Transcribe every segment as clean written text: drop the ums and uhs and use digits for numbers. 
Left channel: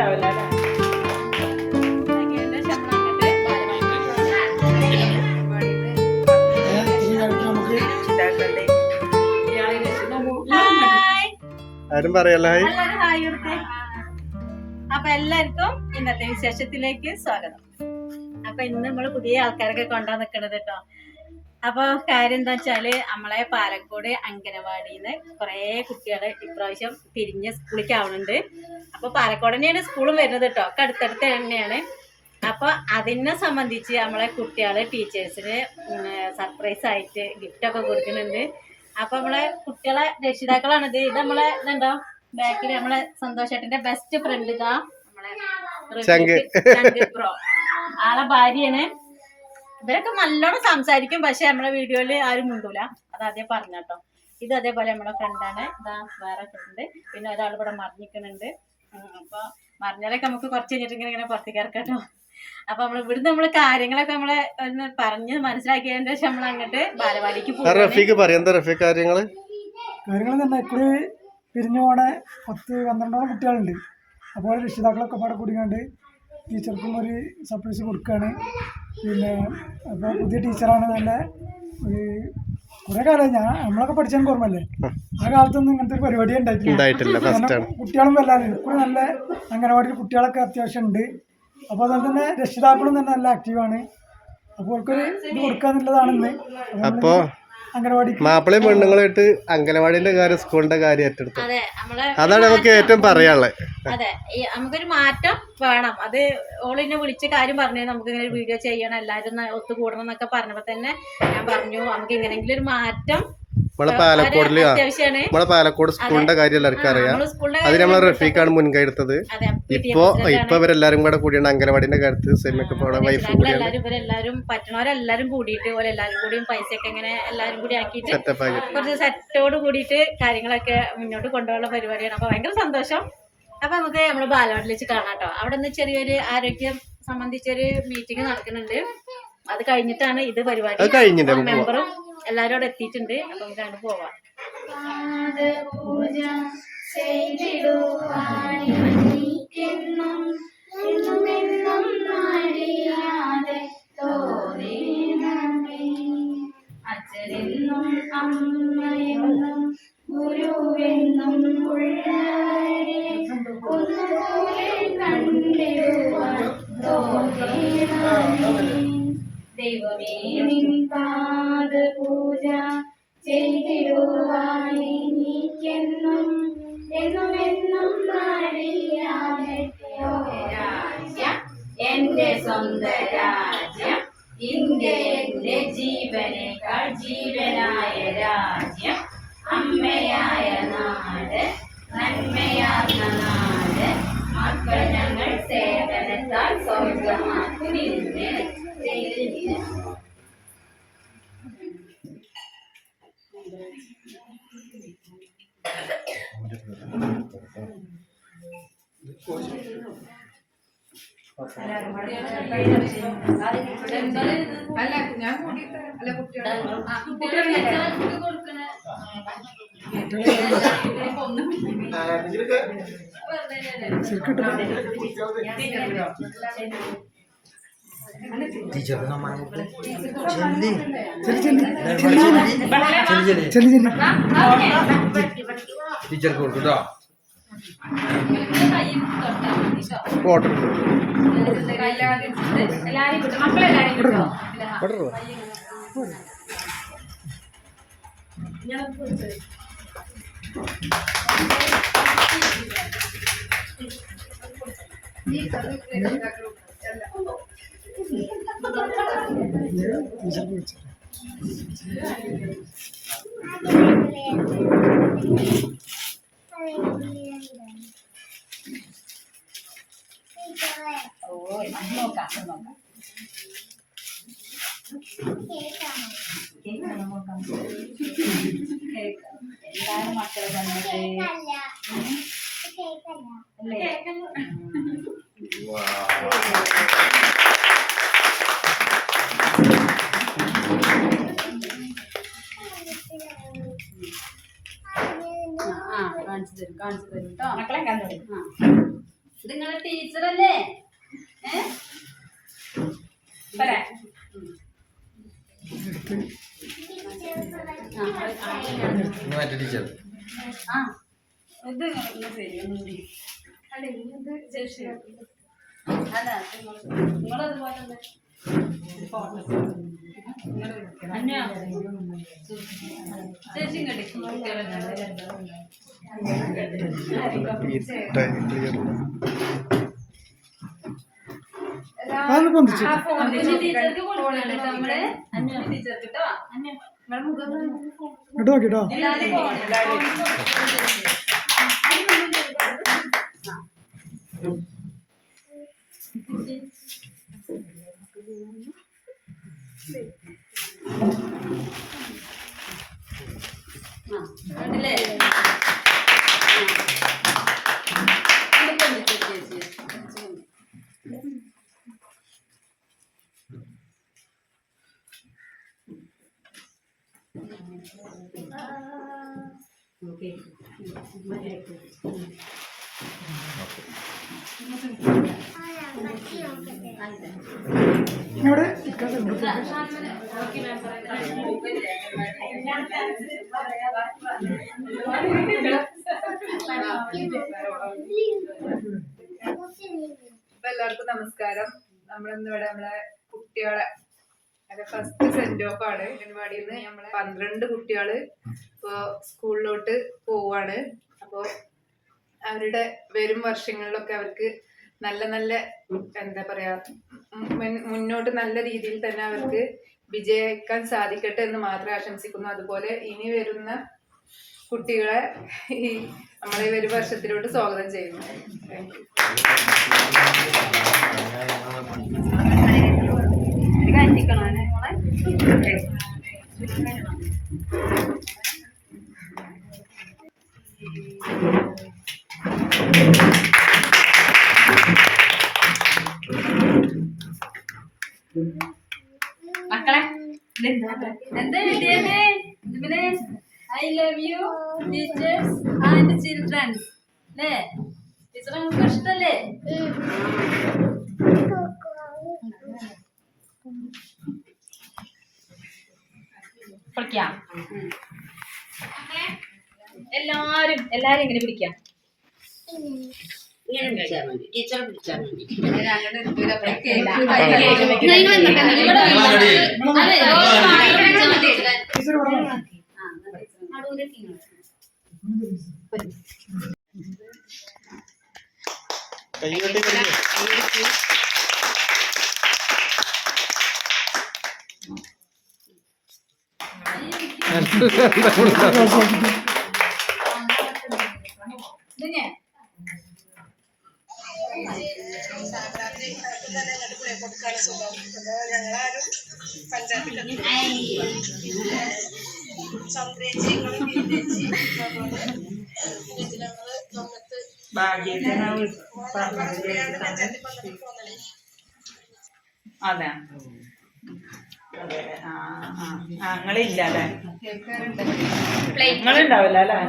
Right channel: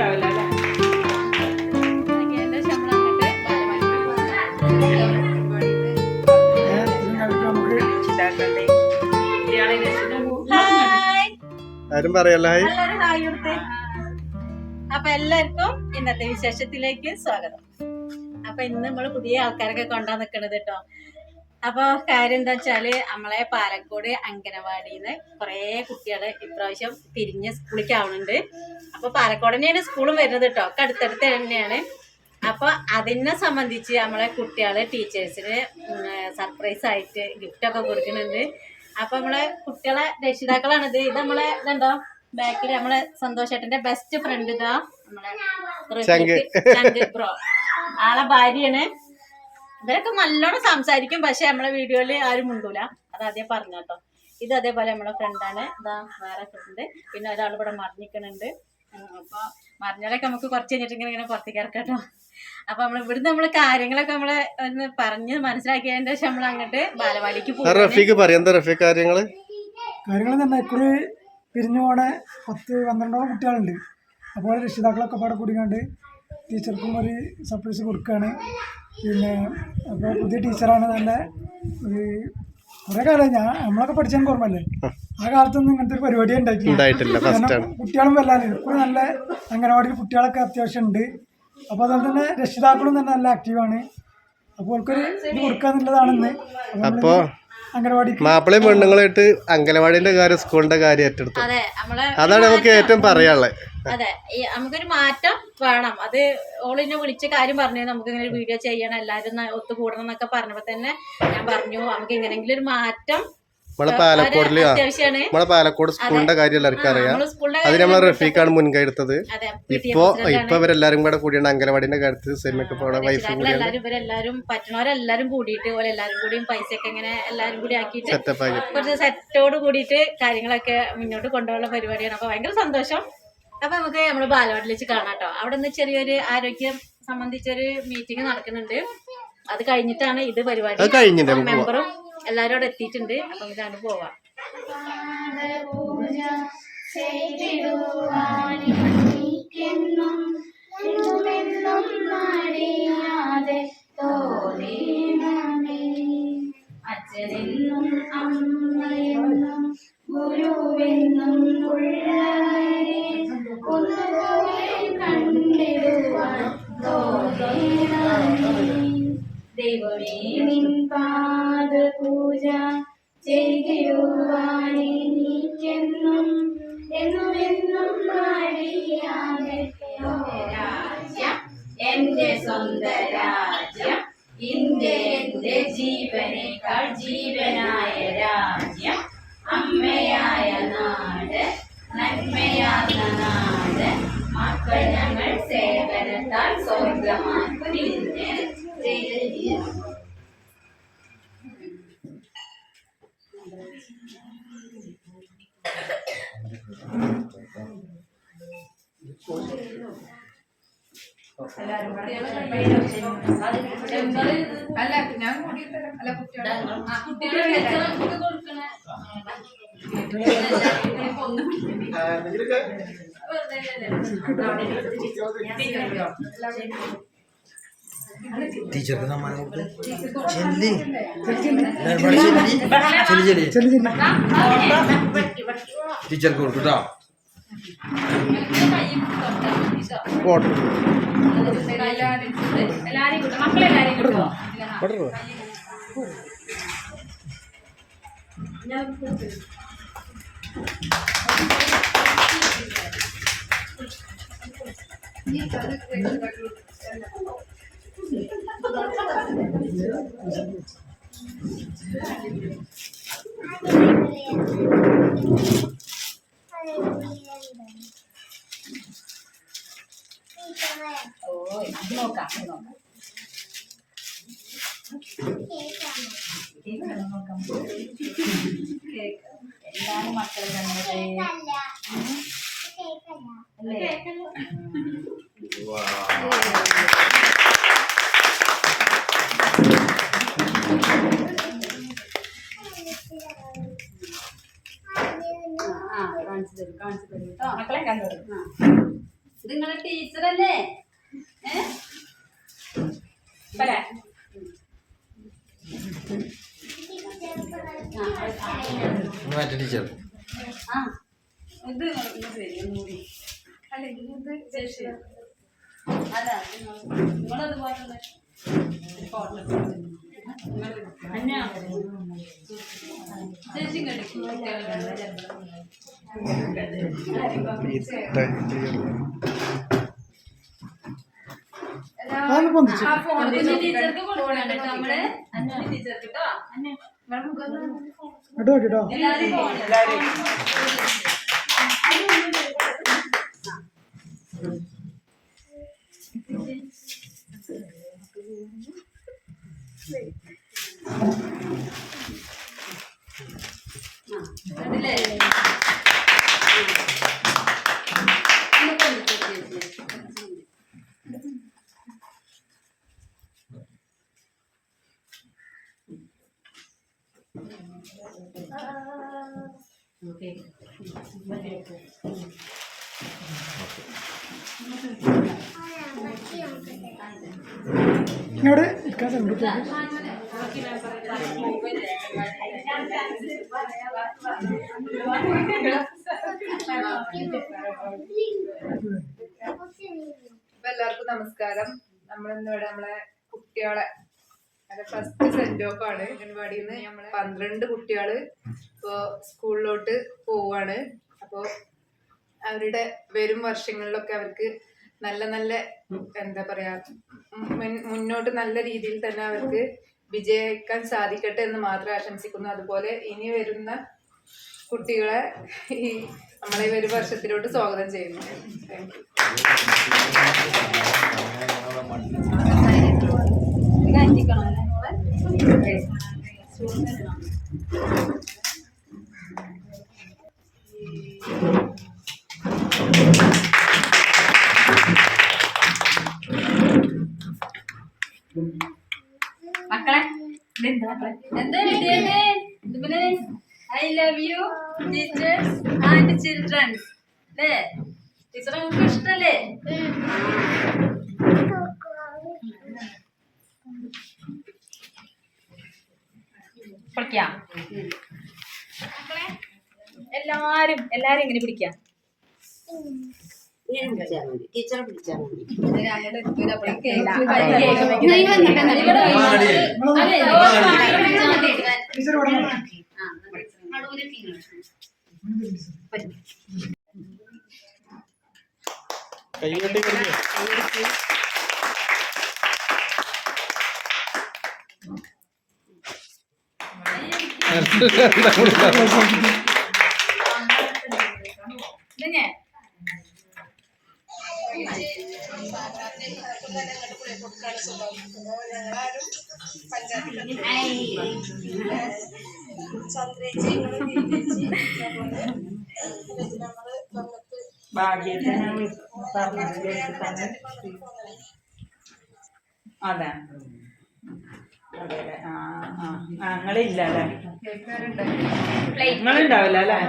ആരും പറയല്ലോ. അപ്പൊ എല്ലാവർക്കും ഇന്നത്തെ വിശേഷത്തിലേക്ക് സ്വാഗതം. അപ്പൊ ഇന്ന് നമ്മള് പുതിയ ആൾക്കാരൊക്കെ കൊണ്ടാ നിക്കണത് കേട്ടോ. അപ്പൊ കാര്യം എന്താ വെച്ചാല് നമ്മളെ പാലക്കോട് അംഗനവാടിന്ന് കുറെ കുട്ടികള് ഇപ്രാവശ്യം പിരിഞ്ഞ് സ്കൂളിലേക്ക് ആവുന്നുണ്ട്. അപ്പൊ പാലക്കോട് തന്നെയാണ് സ്കൂളും വരുന്നത് കേട്ടോ, ഒക്കെ അടുത്തടുത്ത് തന്നെയാണ്. അപ്പൊ അതിനെ സംബന്ധിച്ച് നമ്മളെ കുട്ടികള് ടീച്ചേഴ്സിന് സർപ്രൈസ് ആയിട്ട് ഗിഫ്റ്റ് ഒക്കെ കൊടുക്കുന്നുണ്ട്. അപ്പൊ നമ്മളെ കുട്ടികളെ രക്ഷിതാക്കളാണിത്. ഇത് നമ്മളെ ഇതുണ്ടോ ബാക്കിൽ നമ്മളെ സന്തോഷേട്ടന്റെ ബെസ്റ്റ് ഫ്രണ്ട് ഇതാ നമ്മളെ ബ്രോ, ആളെ ഭാര്യയാണ്. ഇവരൊക്കെ നല്ലോണം സംസാരിക്കും, പക്ഷെ നമ്മളെ വീഡിയോയില് ആരും മുണ്ടൂല, അത് ആദ്യം പറഞ്ഞട്ടോ. ഇത് അതേപോലെ നമ്മളെ ഫ്രണ്ടാണ്. ഇതാ വേറെ ഫ്രണ്ട്, പിന്നെ ഒരാൾ ഇവിടെ മറിഞ്ഞിക്കണുണ്ട്. അപ്പൊ മറിഞ്ഞാലൊക്കെ നമുക്ക് കുറച്ച് കഴിഞ്ഞിട്ട് ഇങ്ങനെ പുറത്തേക്ക് ഇറക്കട്ടോ. അപ്പൊ ഇവിടുന്ന് നമ്മള് കാര്യങ്ങളൊക്കെ നമ്മള് ഒന്ന് പറഞ്ഞ് മനസ്സിലാക്കിയതിന്റെ ശേഷം നമ്മൾ അങ്ങോട്ട് ബാലവാടിക്ക് പോകും. കാര്യങ്ങള് തന്നെ ഇക്കുറി പിരിഞ്ഞു പോണ 10-12 കുട്ടികളുണ്ട്. അപ്പോൾ രക്ഷിതാക്കളൊക്കെ പാടെ കൂടിക്കാണ്ട് ടീച്ചർക്കും ഒരു സർപ്രൈസ് കൊടുക്കുകയാണ്. പിന്നെ അപ്പോൾ പുതിയ ടീച്ചറാണ്. നല്ല ഒരു കുറേ കാലം നമ്മളൊക്കെ പഠിച്ചെനിക്ക് ഓർമ്മല്ലേ, ആ കാലത്തൊന്നും ഇങ്ങനത്തെ ഒരു പരിപാടി ഉണ്ടായിട്ടില്ല. കുട്ടികളും വല്ലാതെ ഇക്കുറി നല്ല അംഗനവാടിയിൽ കുട്ടികളൊക്കെ അത്യാവശ്യം ഉണ്ട്. അപ്പോൾ അതുപോലെ തന്നെ രക്ഷിതാക്കളും തന്നെ നല്ല ആക്റ്റീവാണ്. അപ്പോൾ അവർക്കൊരു ഇത് കൊടുക്കാന്നുള്ളതാണെന്ന്. അപ്പോ മാപ്പിളയും പെണ്ണുങ്ങളായിട്ട് അംഗനവാടിന്റെ കാര്യം സ്കൂളിന്റെ കാര്യം ഏറ്റെടുത്തു. അതാണ് നമുക്ക് ഏറ്റവും പറയാനുള്ളത്. അതെ, നമുക്കൊരു മാറ്റം വേണം. അത് ഓളിനെ വിളിച്ച കാര്യം പറഞ്ഞു, നമുക്ക് ഇങ്ങനെ ഒരു വീഡിയോ ചെയ്യണം, എല്ലാവരും ഒത്തുകൂടണം എന്നൊക്കെ പറഞ്ഞപ്പോ തന്നെ ഞാൻ പറഞ്ഞു നമുക്ക് ഇങ്ങനെങ്കിലും ഒരു മാറ്റം. നമ്മളെ പാലക്കോട് സ്കൂളിന്റെ കാര്യം എല്ലാവർക്കും അറിയാം. അതിന് നമ്മളെ റഫീഖാണ് മുൻകൈ എടുത്തത്. ഇപ്പൊ ഇവരെല്ലാരും കൂടെ കൂടിയാണ് അംഗനവാടിന്റെ കാര്യത്തിൽ സെമിയൊക്കെ വൈഫ് ഇവരെല്ലാരും പറ്റണവരെല്ലാരും കൂടിയിട്ട് എല്ലാരും കൂടിയും പൈസയൊക്കെ ഇങ്ങനെ എല്ലാരും കൂടി ആക്കിയിട്ട് കുറച്ച് സെറ്റോട് കൂടിയിട്ട് കാര്യങ്ങളൊക്കെ മുന്നോട്ട് കൊണ്ടുപോകാനുള്ള പരിപാടിയാണ്. അപ്പൊ ഭയങ്കര സന്തോഷം. അപ്പൊ നമുക്ക് നമ്മള് ബാലവാടിയിൽ വെച്ച് കാണാം കേട്ടോ. അവിടെ നിന്ന് ചെറിയൊരു ആരോഗ്യം സംബന്ധിച്ചൊരു മീറ്റിംഗ് നടക്കുന്നുണ്ട്. അത് കഴിഞ്ഞിട്ടാണ് ഇത് പരിപാടി. മെമ്പറും എല്ലാരും അവിടെ എത്തിയിട്ടുണ്ട്. അപ്പൊ ഇതാണ് പോവാം. അച്ഛനെന്നും അമ്മയെന്നും ഗുരുവെന്നും ഉള്ളവരെ ഒന്നുപോലെ കണ്ടിടുവാൻ ദൈവമേ നിൻ പാദപൂജ ചെയ്തിടുവാൻ എനിക്കെന്നും എന്നുമെന്നും മടിയാതെ രാജ്യം എന്റെ സ്വന്തം രാജ്യം, ഇന്ത്യ എന്റെ ജീവനേക്കാൾ ജീവനായ രാജ്യം, അമ്മയായ നാട് നന്മയാർന്ന നാട്, മക്കൾ ഞങ്ങൾ സേവനത്താൽ സ്വർഗമാക്കു നിന്നെ. ടീച്ചർക്ക് കൊടുക്കട്ടോ. മക്കളെല്ലാരും കിട്ടോ. എന്താണ് മക്കളെ കണ്ടത്? കാണിച്ചു തരും കേട്ടോ. മക്കളെ കണ്ടു. നിങ്ങളെ ടീച്ചറല്ലേ? ടീച്ചർ ഇത് ഒന്നുകൂടി അല്ല നിങ്ങളതുപോലെ തന്നെ ചേച്ചി കടിക്കും ടീച്ചർക്ക് കൊടുക്കണ്ട നമ്മള് ടീച്ചർക്ക് കേട്ടോ. കേട്ടോ എല്ലാവരും കണ്ടില്ലേ? ഇവിടെ ഇരിക്കാൻ എല്ലാവർക്കും നമസ്കാരം. നമ്മളിന്നിവിടെ നമ്മളെ കുട്ടികളെ ഫസ്റ്റ് സെന്റ് ഓഫ് ആണ്. അംഗൻവാടിയിൽ നിന്ന് നമ്മളെ 12 കുട്ടികള് ഇപ്പോ സ്കൂളിലോട്ട് പോവാണ്. അപ്പോൾ അവരുടെ വരും വർഷങ്ങളിലൊക്കെ അവർക്ക് നല്ല നല്ല എന്താ പറയാ മുന്നോട്ട് നല്ല രീതിയിൽ തന്നെ അവർക്ക് വിജയിക്കാൻ സാധിക്കട്ടെ എന്ന് മാത്രമേ ആശംസിക്കുന്നു. അതുപോലെ ഇനി വരുന്ന കുട്ടികളെ ഈ നമ്മളെ ഈ വരും വർഷത്തിലോട്ട് സ്വാഗതം ചെയ്യുന്നു. താങ്ക് മക്കളെ എന്താ I love you teachers and children's അല്ലേ? ടീച്ചറെ നിങ്ങൾക്ക് ഇഷ്ടല്ലേ? പിടിക്കാം എല്ലാരും എങ്ങനെ പിടിക്കാം? ടീച്ചറെ പിടിച്ചാൽ മതി. അതെ ഞങ്ങളില്ല അല്ലേ? നിങ്ങളുണ്ടാവില്ല അല്ലേ?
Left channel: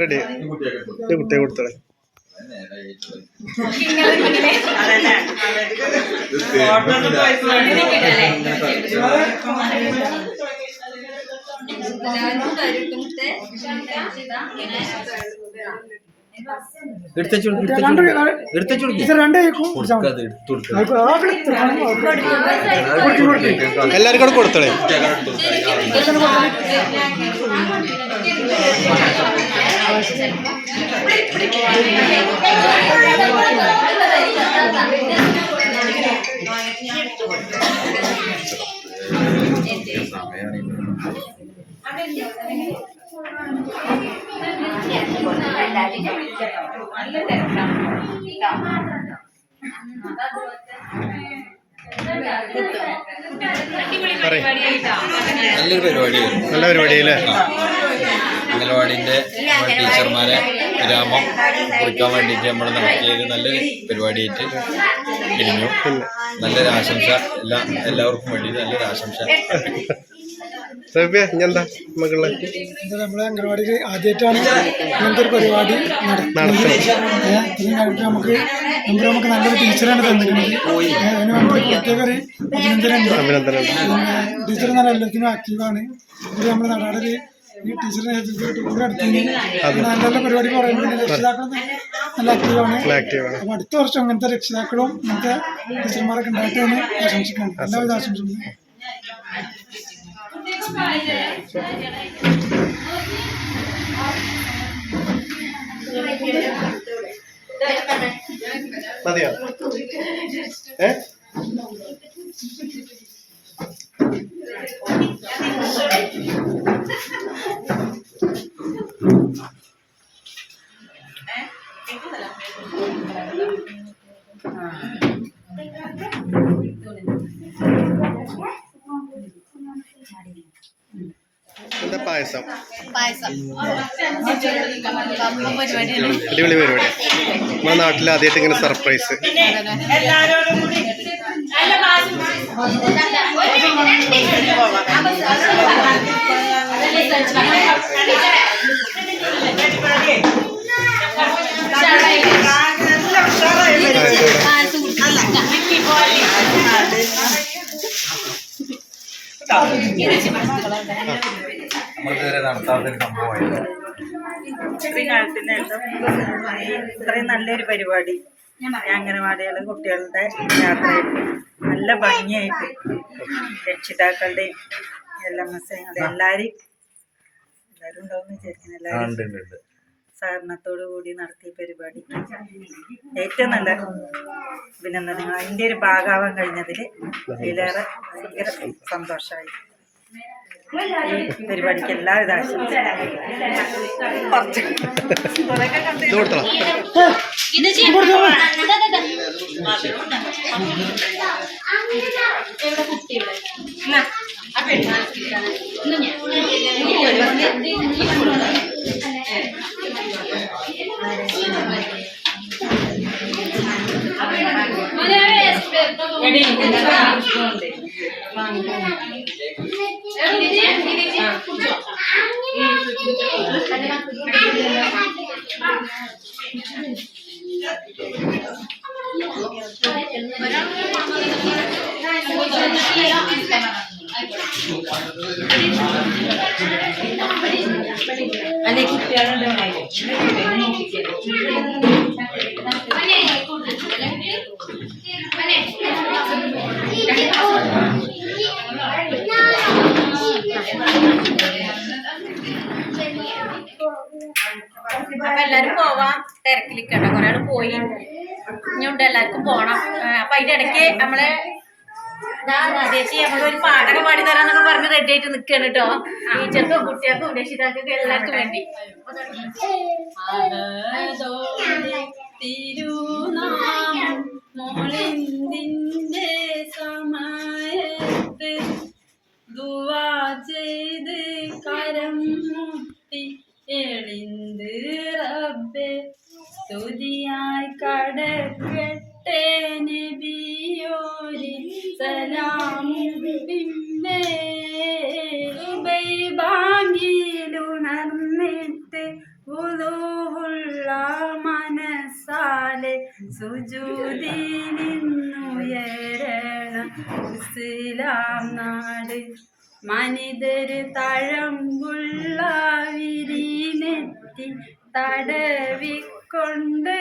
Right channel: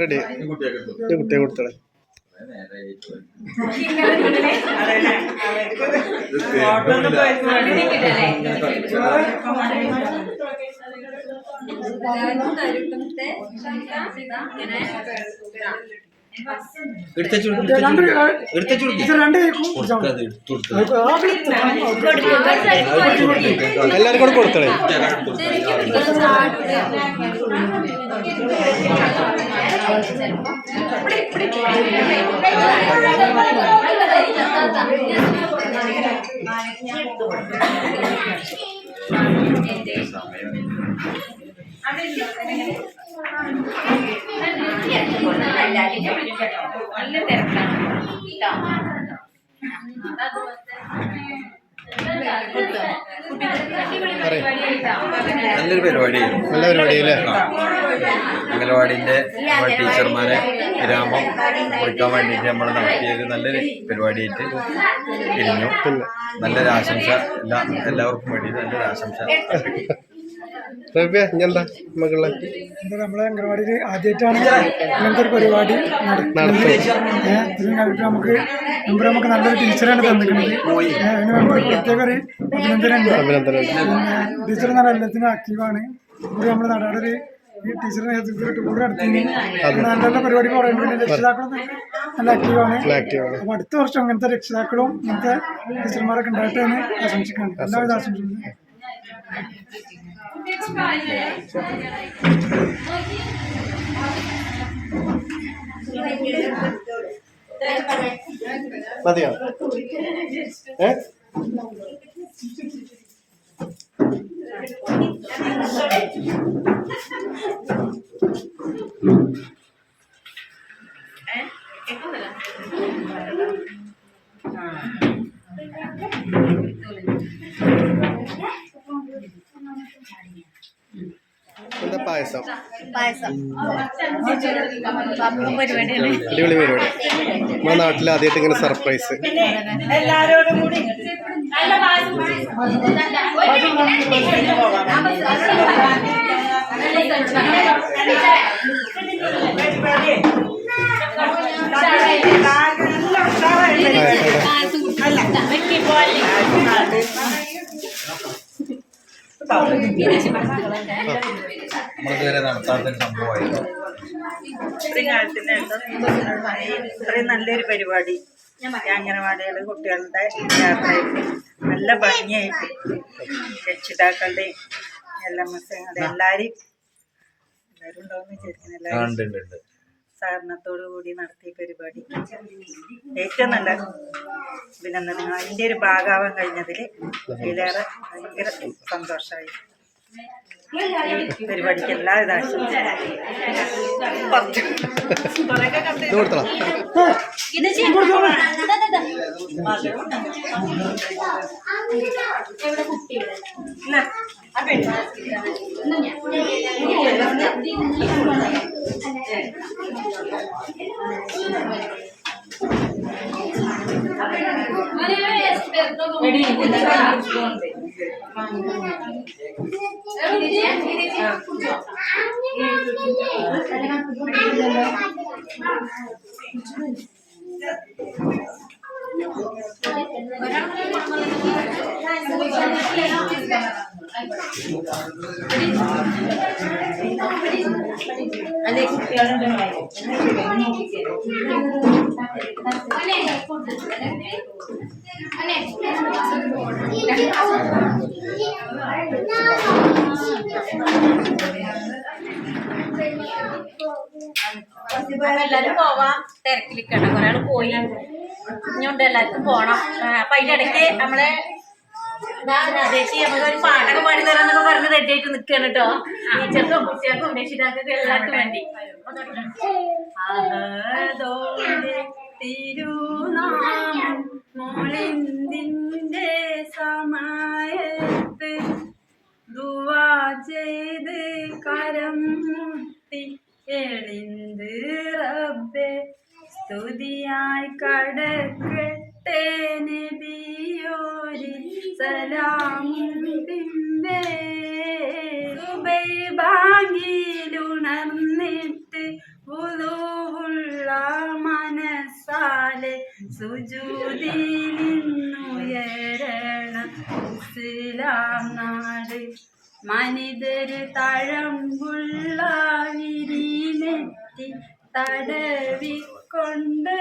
റെഡി കുട്ടിയെ കൊടുത്തേ. എല്ലാരും കൂടെ കൊടുത്തേ. നല്ല തിരക്കാണ്. നല്ലൊരു പരിപാടിയായിരുന്നു. നല്ല പരിപാടി അല്ലേ? അംഗനവാടിൻ്റെ ടീച്ചർമാരെ വിരാമം കുറിക്കാൻ വേണ്ടിയിട്ട് നമ്മൾ നടത്തിയൊരു നല്ലൊരു പരിപാടിയായിട്ട് ഇരിഞ്ഞു. നല്ലൊരു ആശംസ എല്ലാവർക്കും വേണ്ടി നല്ലൊരു ആശംസ. എന്താ മകളെ നമ്മളെ അംഗനവാടിയിൽ ആദ്യമായിട്ടാണ് ഇങ്ങനത്തെ ഒരു പരിപാടി നടത്തുന്നത്. നമുക്ക് നല്ലൊരു ടീച്ചറാണ് തന്നിരിക്കുന്നത്. അതിന് മെമ്പർ പ്രത്യേക ഒരു അഭിനന്ദനമുണ്ട്. ടീച്ചർ നല്ല എല്ലാത്തിനും ആക്റ്റീവാണ്. ഇവിടെ നമ്മുടെ നാടാടൊരു ഈ ടീച്ചറിന്റെ നേതൃത്വത്തിൽ ടൂർ നടത്തിന് നല്ല നല്ല പരിപാടി പറയുന്നത്. പിന്നെ രക്ഷിതാക്കളും നല്ല ആക്റ്റീവാണ്. അപ്പൊ അടുത്ത വർഷം അങ്ങനത്തെ രക്ഷിതാക്കളും ഇങ്ങനത്തെ ടീച്ചർമാരൊക്കെ ഉണ്ടായിട്ട് എന്ന് ആശംസിക്കാണ്. എല്ലാവിധ ആശംസിക്കുന്നു. മതിയോ? എന്താ പായസം? അടിപൊളി പരിപാടി. നമ്മുടെ നാട്ടിൽ ആദ്യമായിട്ട് ഇങ്ങനെ സർപ്രൈസ്. നമ്മളിതുവരെ നടത്താത്തൊരു സംഭവമായിരുന്നു. ഇത്രയും കാലത്തിന് ശേഷം ഇത്രയും നല്ലൊരു പരിപാടി അംഗനവാടികൾ കുട്ടികളുടെ യാത്രയിൽ നല്ല ഭംഗിയായിട്ട് രക്ഷിതാക്കളുടെയും LMS എല്ലാവരും ഉണ്ടാവും വിചാരിക്കുന്നു. എല്ലാവരും സഹകരണത്തോടു കൂടി നടത്തിയ പരിപാടി ഏറ്റവും നല്ല അഭിനന്ദനങ്ങൾ. അതിൻ്റെ ഒരു ഭാഗമാവാൻ കഴിഞ്ഞതിൽ അതിലേറെ ഭയങ്കര സന്തോഷമായി. ഈ പരിപാടിക്ക് എല്ലാവിധ എല്ലാരും പോവാം തിരക്കിലിക്കട്ടെ. കുറെ ആള് പോയി, ഇനിയുണ്ട് എല്ലാവർക്കും പോണം. അപ്പൊ അതിന്റെ ഇടയ്ക്ക് നമ്മളെ ചേച്ചി നമുക്കൊരു പാട്ടൊക്കെ പാടി തരാന്നൊക്കെ പറഞ്ഞ് റെഡി ആയിട്ട് നിൽക്കുകയാണ് കേട്ടോ. ടീച്ചർക്കും കുട്ടികൾക്കും രക്ഷിതാക്കൾക്കും എല്ലാവർക്കും വേണ്ടി. തിരുനാമം മോളിന്തിന്റെ സമയത്ത് ദുആ ചെയ്ത് കരം മുട്ടി എളിന്ത് റബ്ബേ സ്തുതിയായി കടക്കട്ടെ നബിയോരി സലാമും പിമ്പേ. സുബൈ ബാങ്കിലുണർന്നിട്ട് വുളൂഉള്ള മനസ്സാലെ സുജൂദിൽ നിന്നുയരണം ഇസ്ലാം നാട്. മനിതര് തഴമ്പുള്ള വിരിനെത്തി തടവിക്കൊണ്ട്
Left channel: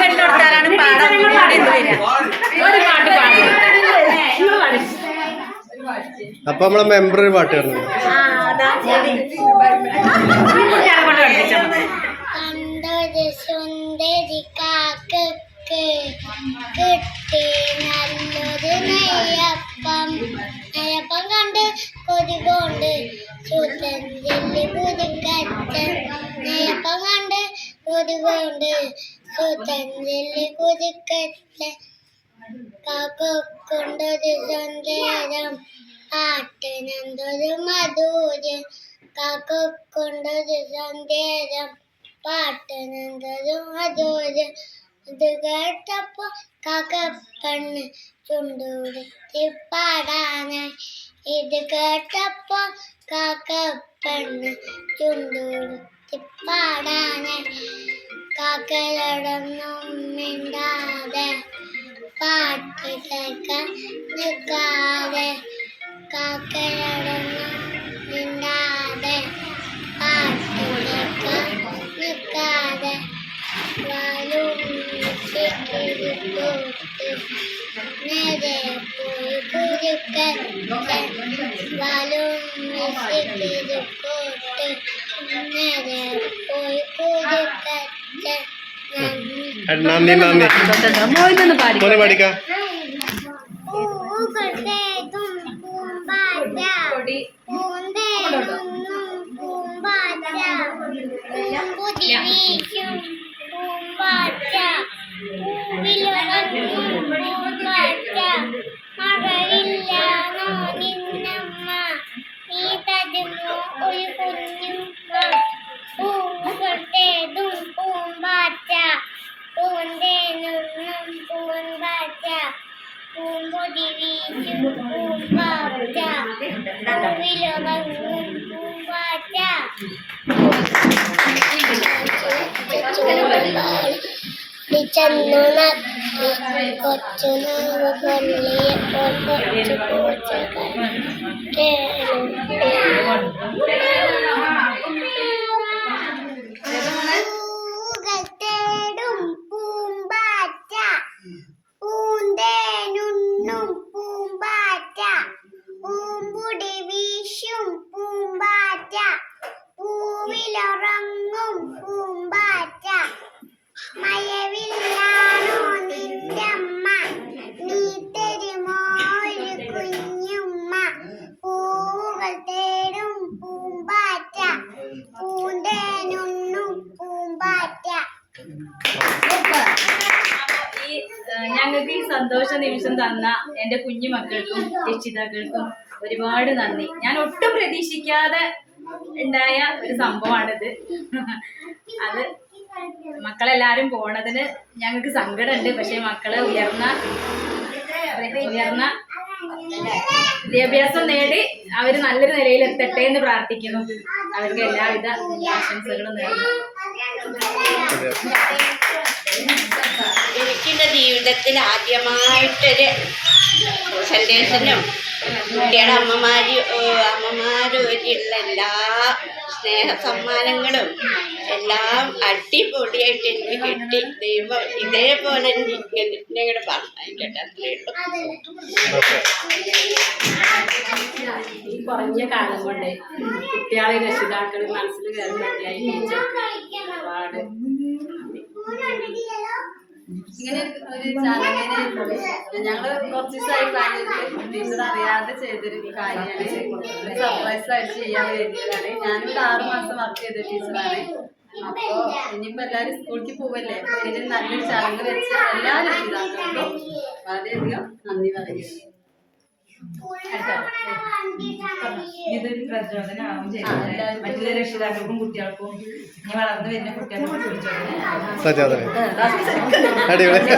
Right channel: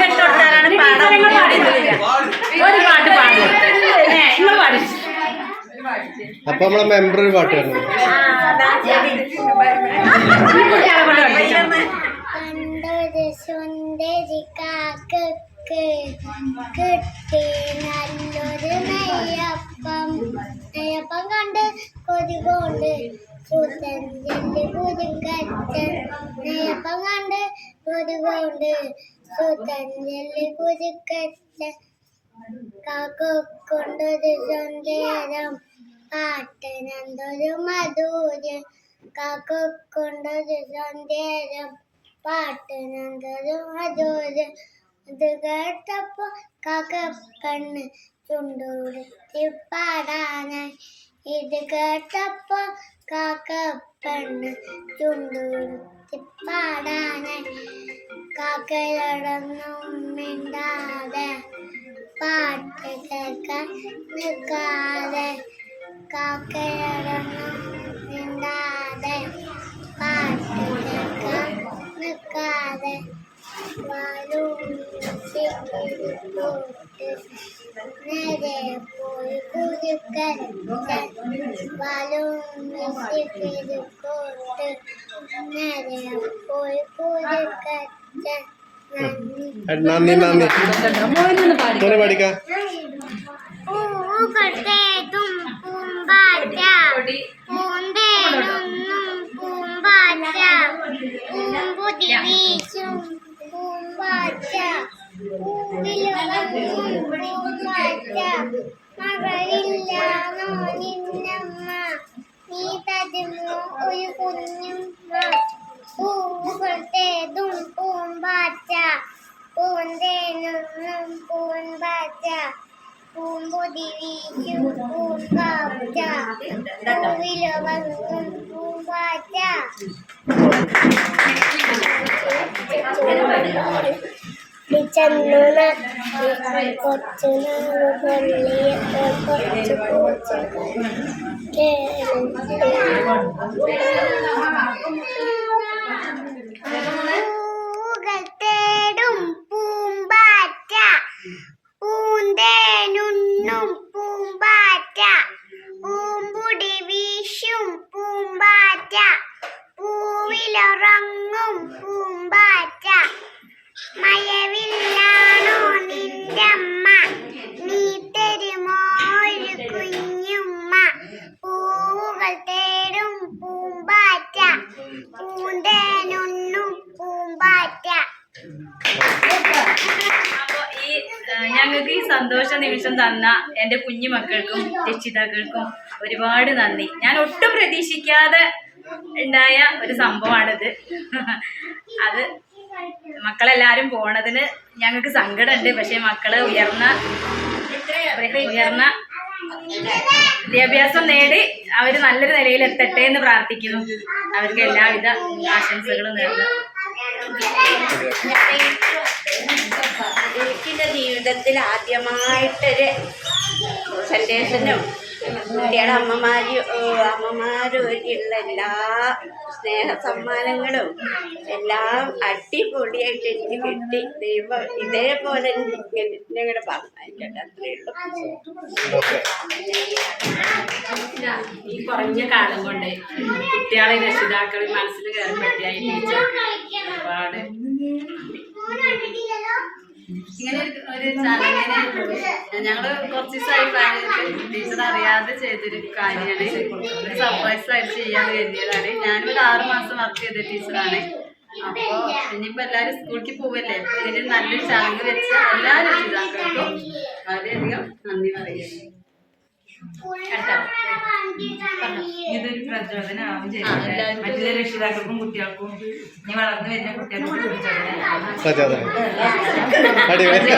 കെട്ടുകൊടുത്താലാണ് പാടാൻ. അപ്പൊ നമ്മളെ മെമ്പർ ഒരു പാട്ട് കാണുന്നു. കണ്ടൊരു സുന്ദരി കാക്കക്ക് കിട്ടി നല്ലൊരു നെയ്യപ്പം. നെയ്യപ്പം കണ്ട് കൊതികൊണ്ട് ചൂത്തൻ ചെല്ലി കുതിക്കച്ചൻ. നെയ്യപ്പം കണ്ട് കൊതുകൊണ്ട് സുതഞ്ചലി കുരുക്കത്തെ കാക്കൊണ്ടൊരു സന്ദേശം പാട്ടിനെന്തൊരു മധുര്യം കാക്കൊണ്ടൊരു സന്ദേശം പാട്ടിനെന്തൊരു മധുര്യം ഇത് കേട്ടപ്പോ കാക്കപ്പെണ്ണ് ചുണ്ടൂടുത്തി പാടാനായി ഇത് കേട്ടപ്പോ കാക്കപ്പെണ്ണ് ചുണ്ടൂടുത്തി പാടാനായി കാക്കയോടൊന്നും മിണ്ടാതെ പാട്ട് കേൾക്കാൻ നിൽക്കാതെ കാക്കയോടൊന്നും മിണ്ടാതെ പാട്ട് കേൾക്കാൻ നിൽക്കാതെ വാലും നേരെ പോയി കുരുക്കത്തെ വാലും കോട്ട് നേരെ പോയി കുരുക്കത്തെ നന്ദി നന്ദി മോനെ പഠിക്കാം പൂക്കട്ടേതും പൂമ്പാറ്റ പൂന്തേനൊന്നും പൂമ്പാറ്റ പൂമ്പുതി വീശും പൂമ്പാറ്റ പൂവിലുറങ്ങും പൂമ്പാറ്റ മഴവില്ലാണോ നിന്നമ്മ നീ തരുമോ ഒരു കുഞ്ഞുമ്മ പൂക്കട്ടേതും പൂമ്പാറ്റ പൂന്തേനൊന്നും പൂമ്പാറ്റ പൂമ്പൊതി വീശും പൂമ്പാറ്റ പൂവിലുറങ്ങും പൂമ്പാറ്റ ചെന്നു നക്കി കൊച്ചു നാവ് പൊള്ളിയപ്പോൾ കൊച്ചു പൂച്ചകൾ പൂകൾ തേടും പൂമ്പാറ്റ പൂന്തേനുണ്ണും പൂമ്പാറ്റ പൂമ്പുടി വീശും പൂമ്പാറ്റ പൂവിലുറങ്ങും പൂമ്പാറ്റ മഴവില്ലാണോ നിന്റെ അമ്മ നീ തരുമോ ഒരു കുഞ്ഞുമ്മ പൂവുകൾ തേടും പൂമ്പാറ്റ പൂന്തേനുണ്ണും പൂമ്പാറ്റ. ഞങ്ങൾക്ക് ഈ സന്തോഷ നിമിഷം തന്ന എൻ്റെ കുഞ്ഞു മക്കൾക്കും രക്ഷിതാക്കൾക്കും ഒരുപാട് നന്ദി. ഞാൻ ഒട്ടും പ്രതീക്ഷിക്കാതെ ഉണ്ടായ ഒരു സംഭവമാണിത്. അത് മക്കളെല്ലാവരും പോണതിന് ഞങ്ങൾക്ക് സങ്കടമുണ്ട്. പക്ഷെ മക്കള് ഉയർന്ന വിദ്യാഭ്യാസം നേടി അവർ നല്ലൊരു നിലയിൽ എത്തട്ടെ എന്ന് പ്രാർത്ഥിക്കുന്നു. അവർക്ക് എല്ലാവിധ ആശംസകളും നേർന്നു. എനിക്കെൻ്റെ ജീവിതത്തിൽ ആദ്യമായിട്ടൊരു സന്ദേശനും കുട്ടിയുടെ അമ്മമാരുമായിട്ടുള്ള എല്ലാ സ്നേഹ സമ്മാനങ്ങളും എല്ലാം അടിപൊളിയായിട്ട് എനിക്ക് കിട്ടി. ദൈവം ഇതേപോലെ ഞങ്ങളുടെ പറഞ്ഞായിക്കട്ടെ. അത്രയേ ഉള്ളൂ. ഈ കുറഞ്ഞ കാലം കൊണ്ട് കുട്ടികളെ രക്ഷിതാക്കളെ മനസ്സിൽ കയറി പറ്റിയായി ടീച്ചർക്ക് ഒരുപാട് ഇങ്ങനെ ഒരു ചടങ്ങിന് ഞങ്ങള് കുറച്ച് ദിവസമായി പ്ലാൻ ചെയ്തിട്ട് ടീച്ചർ അറിയാതെ ചെയ്തൊരു കാര്യമാണ്. ഒരു സർപ്രൈസ് ആയിട്ട് ചെയ്യാന്ന് കരുതിയതാണ്. ഞാനിവിടെ 6 മാസം വർക്ക് ചെയ്ത ടീച്ചറാണ്. അപ്പോ ഇനിയിപ്പോ എല്ലാവരും സ്കൂളിലേക്ക് പോവല്ലേ, അപ്പൊ ഇതിന് നല്ലൊരു ചടങ്ങ് വെച്ച എല്ലാ രക്ഷിതാക്കൾക്കും വളരെയധികം നന്ദി പറയുന്നു. ഇതൊരു പ്രചോദനമാവും ചെയ്തിട്ട് മറ്റു രക്ഷിതാക്കൾക്കും കുട്ടികൾക്കും ഇനി വളർന്നു വരുന്ന കുട്ടികൾക്കും പ്രചോദനം. അടിപൊളി.